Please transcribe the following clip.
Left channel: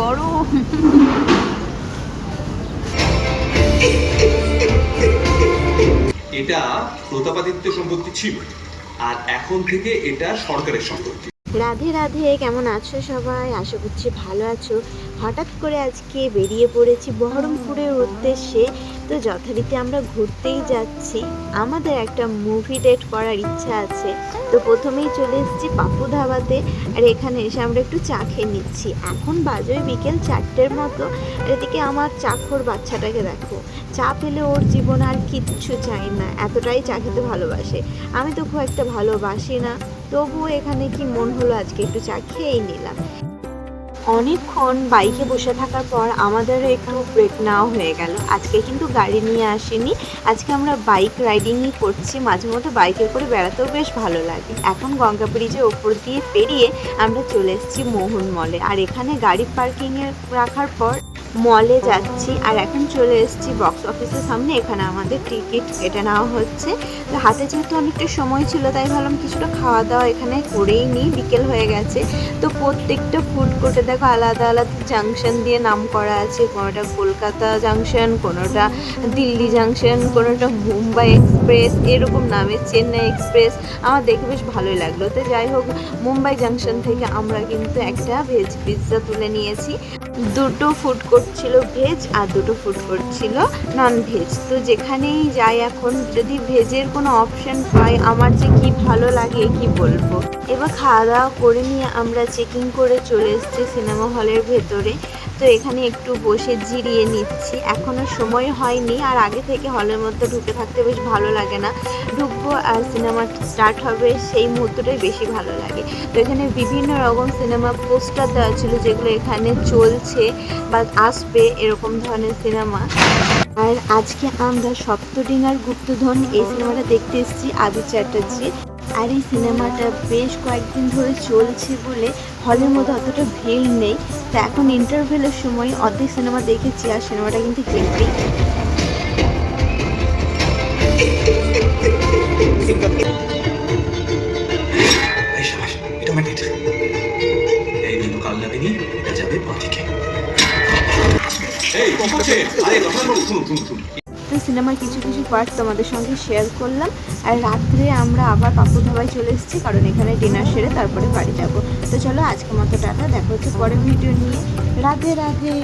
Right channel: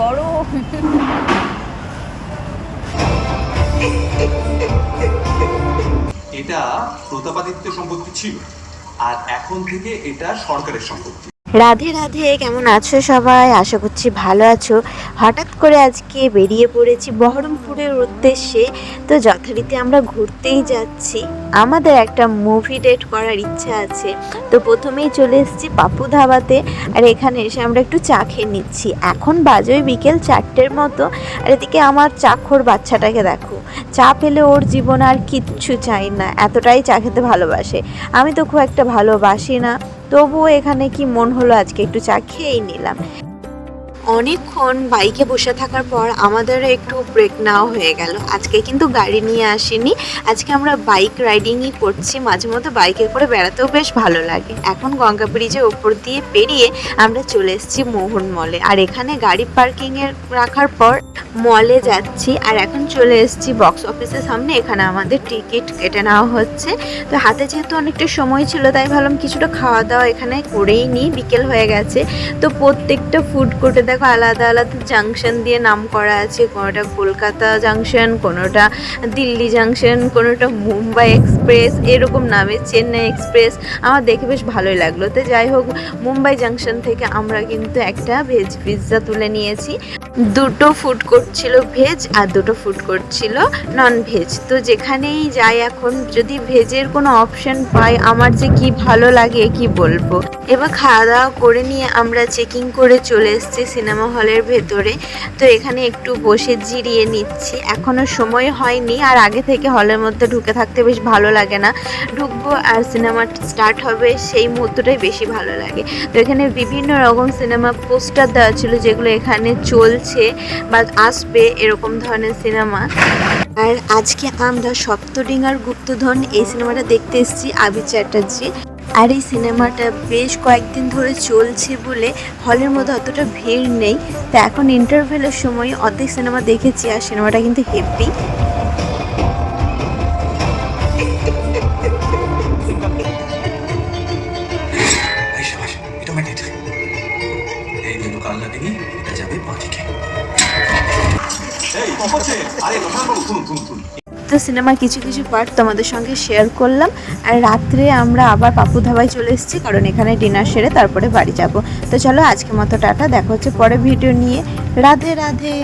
গরম। এটা প্রতাপাদিত্য সম্পত্তি ছিল, আর এখন থেকে এটা সরকারের সম্পত্তি। রাধে রাধে, কেমন আছো সবাই? আশা করছি ভালো আছো। হঠাৎ করে আজকে বেরিয়ে পড়েছি বহরমপুরের উদ্দেশ্যে। তো যথারীতি আমরা ঘুরতেই যাচ্ছি, আমাদের একটা মুভি ডেট করার ইচ্ছা আছে। তো প্রথমেই চলে এসেছি পাপু ধাবাতে, আর এখানে এসে আমরা একটু চা খেয়ে নিচ্ছি। এখন বাজে বিকেল 4টের মতো, আর এদিকে আমার চাখর বাচ্চাটাকে দেখো, চা পেলে ওর জীবন আর কিচ্ছু চাই না, এতটাই চা খেতে ভালোবাসে। আমি তো খুব একটা ভালোবাসি না, তবুও এখানে কি মন হলো আজকে একটু চা খেয়েই নিলাম। অনেকক্ষণ বাইকে বসে থাকার পর আমাদের একটু ব্রেক নেওয়া হয়ে গেল। আজকে কিন্তু গাড়ি নিয়ে আসিনি, আজকে আমরা বাইক রাইডিংই করছি। মাঝে মধ্যে বাইকে করে বেড়াতেও বেশ ভালো লাগে। এখন গঙ্গা ব্রিজের ওপর দিয়ে পেরিয়ে আমরা চলে এসেছি মোহন মলে, আর এখানে গাড়ি পার্কিংয়ে রাখার পর মলে যাচ্ছি। আর এখন চলে এসেছি বক্স অফিসের সামনে, এখানে আমাদের টিকিট কেটে নেওয়া হচ্ছে। তো হাতে যেহেতু অনেকটা সময় ছিল, তাই ভাবলাম কিছুটা খাওয়া দাওয়া এখানে করেই নিই, বিকেল হয়ে গেছে। তো প্রত্যেকটা ফুড কোর্টে দেখো আলাদা আলাদা জাংশন দিয়ে নাম করা আছে, কোনোটা কলকাতা জাংশন, কোনোটা দিল্লি জাংশন, কোনোটা মুম্বাই এক্সপ্রেস, এরকম নামে চেন্নাই এক্সপ্রেস। আমার দেখে বেশ ভালোই লাগলো। তো যাই হোক, মুম্বাই জাংশন থেকে আমরা কিন্তু একটা ভেজ পিৎজা তুলে নিয়েছি। দুটো ফুড কোর্ট ছিল ভেজ আর দুটো ফুড কোর্ট ছিল নন ভেজ। তো যেখানেই যাই এখন যদি ভেজের কোনো অপশন পাই, আমার যে কি ভালো লাগে কি বলবো। এবার খাওয়া দাওয়া করে নিয়ে আমরা চেকিং করে চলে এসেছি সিনেমা হলের ভেতরে। তো এখানে একটু বসে জিরিয়ে নিচ্ছি, এখনও সময় হয়নি, আর আগে থেকে হলের মধ্যে ঢুকে থাকতে বেশ ভালো লাগে না। ঢুকবো আর সিনেমা স্টার্ট হবে, সেই মুহূর্তটাই বেশি ভালো লাগে। তো এখানে বিভিন্ন রকম সিনেমা পোস্টার দেওয়া ছিল, যেগুলো এখানে চলছে বা আসবে, এরকম ধরনের সিনেমা। আর আজকে আমরা সপ্তডিঙার গুপ্তধন এই সিনেমাটা দেখতে এসেছি আবি চ্যাটার্জি। আর এই সিনেমাটা বেশ কয়েকদিন ধরে চলছে বলে হলের মধ্যে অতটা ভিড় নেই। তো এখন ইন্টারভেলের সময় অর্ধেক সিনেমা দেখেছি, আর সিনেমাটা কিন্তু হেভি। তো সিনেমার কিছু কিছু পার্ট তোমাদের সঙ্গে শেয়ার করলাম। আর রাত্রে আমরা আবার পাপু ধাবায় চলে এসেছি, কারণ এখানে ডিনার সেরে তারপরে বাড়ি যাব। তো চলো আজকের মতো টাটা, দেখা হচ্ছে পরে ভিডিও নিয়ে। রাধে রাধে।